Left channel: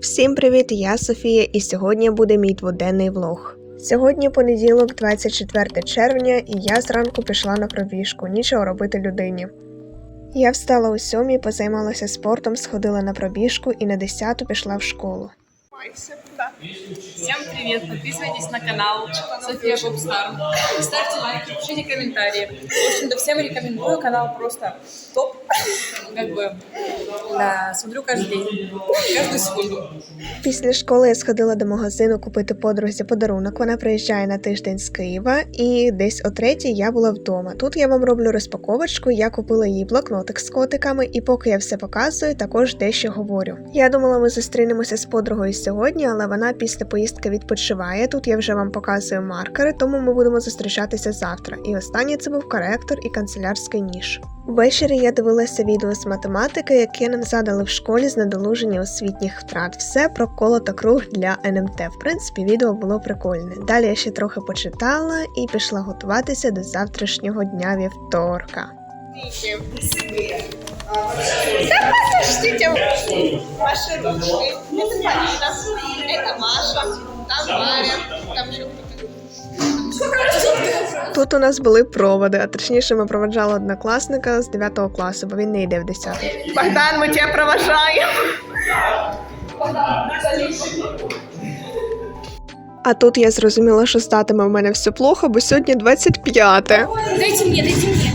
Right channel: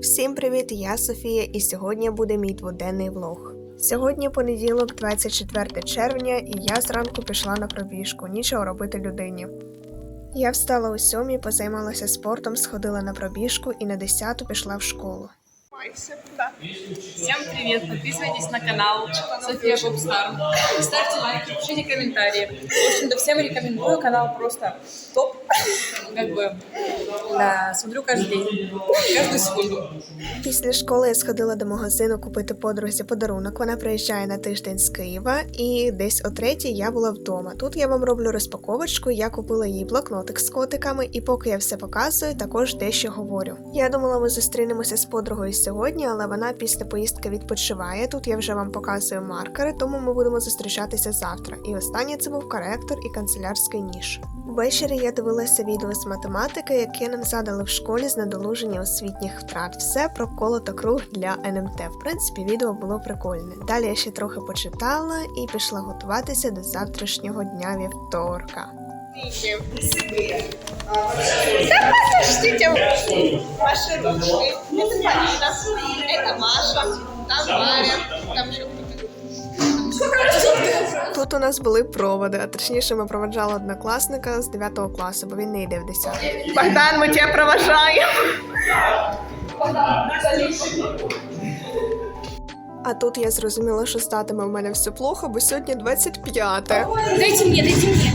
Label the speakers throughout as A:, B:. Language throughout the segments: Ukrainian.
A: Всім привіт! Я Софія, і сьогодні буде мій дводенний влог. Сьогодні понеділок, 24 червня, і я зранку пішла на пробіжку. Нічого робити людині. Я встала у сьомій, позаймалася спортом, сходила на пробіжку і на 10 пішла в школу.
B: Всем привет! Подписывайтесь на канал София Попстар. Ставьте лайки, пишите комментарии. В общем-то, всем рекомендую. Канал просто топ. Как бы, да, смотрю каждый день. Каждую секунду.
A: Після школи я сходила до магазину купити подрузі подарунок. Вона приїжджає на тиждень з Києва, і десь о третій я була вдома. Тут я вам роблю розпаковочку. Я купила їй блокнотик з котиками, і поки я все показую, також дещо говорю. Я думала, ми зустрінемося з подругою сьогодні, але вона після поїздки відпочиває. Тут я вже вам показую маркери, тому ми будемо зустрічатися завтра. І останнє це був коректор і канцелярський ніж. Ввечері я дивилася відео з математики, яке нам задали в школі з надолуження освітніх втрат. Все про коло та круг для НМТ. В принципі, відео було прикольне. Далі я ще трохи почитала і пішла готуватися до завтрашнього дня вівторка.
C: Подождите, ваши ручки. Это Полина, это Маша, там Варя, там еще
A: Тут у нас були проводи, а точніше, ми проводжали однокласника з 9 класу, бо він не йде в 10. Богдан, ми тебе проважаємо. А тут я зрозуміла, що статиме в мене все плохо, бо сьогодні 25.
B: Дайте мне, дайте мне.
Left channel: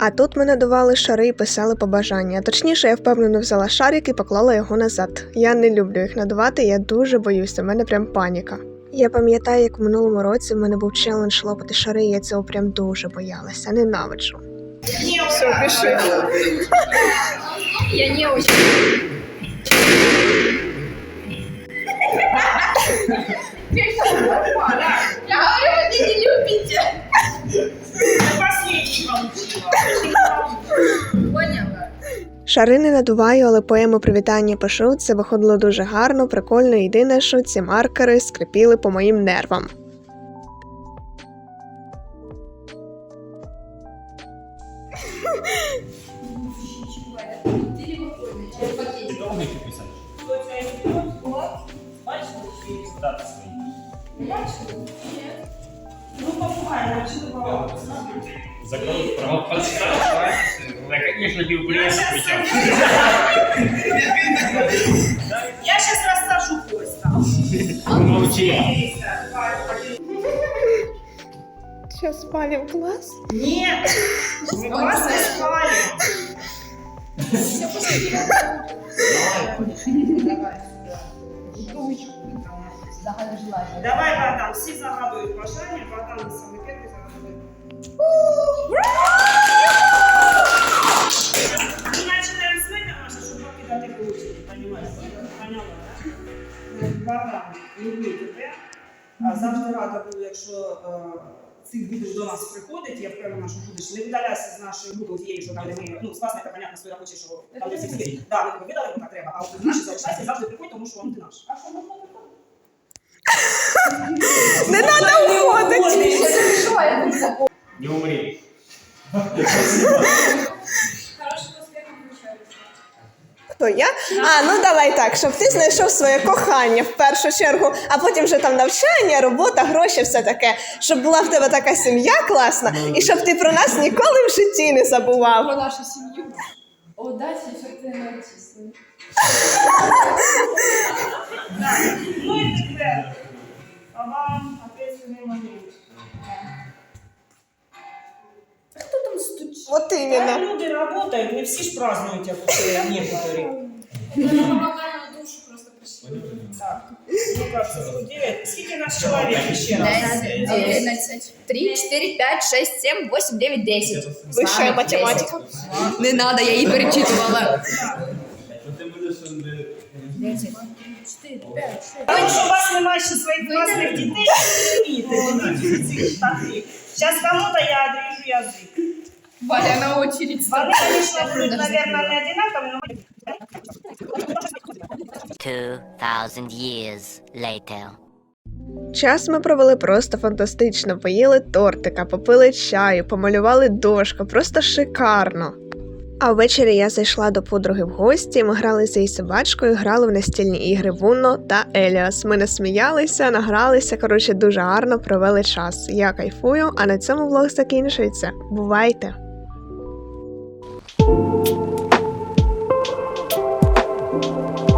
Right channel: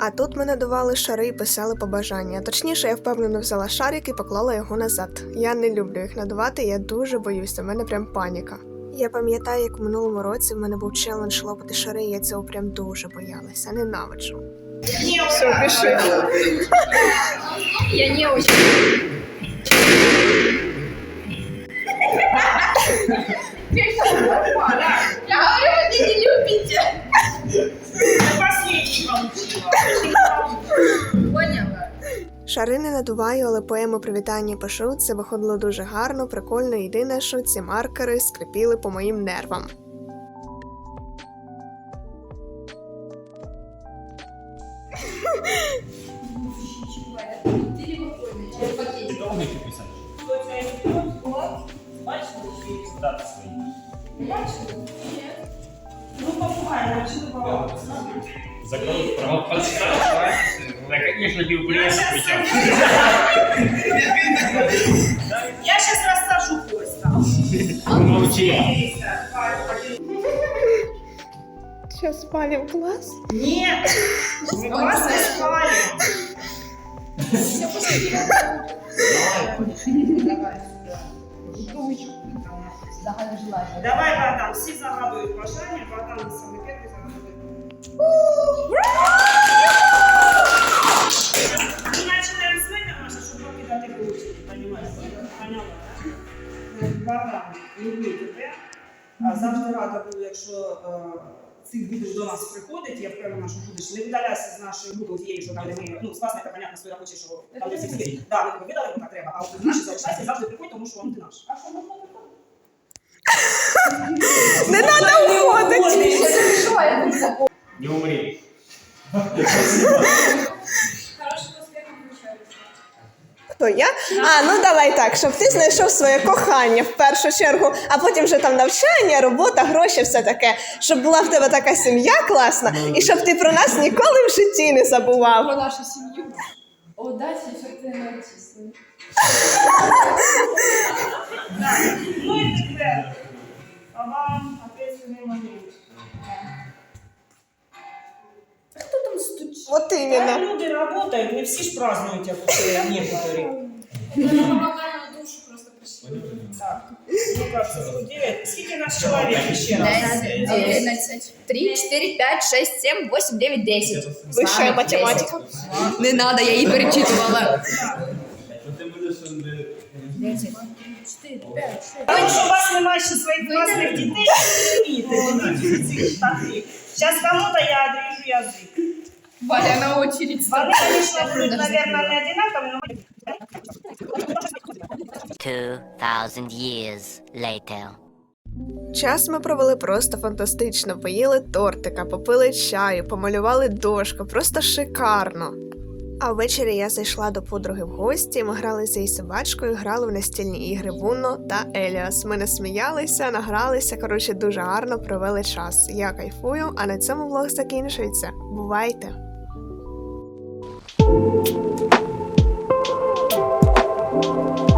A: А тут ми надували шари і писали побажання. Точніше, я впевнено взяла шарик і поклала його назад. Я не люблю їх надувати, я дуже боюся, в мене прям паніка. Я пам'ятаю, як в минулому році в мене був челендж лопати шари, і я цього прям дуже боялася. Ненавиджу. Все, пиши.
B: Я не очень.
C: Я говорю, вы меня не любите.
B: Поняла.
A: Шари не надуваю, але поему привітання пишу. Це виходило дуже гарно, прикольно. Єдине, що ці маркери скрипіли по моїм нервам.
D: Ты Ну, попугай, вообще добавил. Закрыл права подстава. Да, конечно, бивблес причем.
E: Я сейчас рассажу поезд.
D: Молчи.
A: Ну, ну, сейчас спали в класс?
E: Нет! Мы класс не спали. Давай. Давай. Братан, всі загадують бажання, братан саме перший загадує. Ми починаємо з мене, Маша, щоб покидати ключі, понимаєш? Поняла, так? Братан, люблю тебе. А Завжди рада буду, якщо е, ти будеш до нас приходити, я впевнена, що будеш. Не видаляйся з нашої групи тієї, що там, де ми, ну, з вас, це, понятно, своя хоче, що там, де всі всі. Да, ми тебе видали, так треба, а от наші залишайся завжди приходь, тому що вам ти наш. А що виходити?
A: Не треба уходити!
D: Не умри.
A: Хто я? А, ну давай так, щоб ти знайшов своє кохання в першу чергу, а потім вже там навчання, робота, гроші, все таке. Щоб була в тебе така сім'я класна, і щоб ти про нас ніколи в житті не забував.
B: Про нашу семью. Удачи, щоб ти не
A: От
E: Да,
A: іменно.
E: люди работают, не всі ж празднують, як оце некоторі. Так, ну как, цифру 9. Скільки нас чоловік ще раз?
F: 11, 3, 4, 5, 6, 7, 8, 9, 10.
A: Вища математика.
F: Не надо, я її перечитувала.
B: 10, 4, 5, 6.
E: Тому що у вас немає ще своїх власних дітей, не цих штатів. Зараз кому-то я отрежу язик.
F: Валя на очередь.
E: Вони, конечно, наверное, не одинакові, но...
G: 2,000 years later.
A: Час ми провели просто фантастично. Поїли тортика, попили чаю, помалювали дошку, просто шикарно. А ввечері я зайшла до подруги в гості. Ми грали з її собачкою, грали в настільні ігри Вунно та Еліас. Ми насміялися, награлися. Коротше, дуже гарно провели час. Я кайфую, а на цьому влог закінчується. Бувайте! Thank you.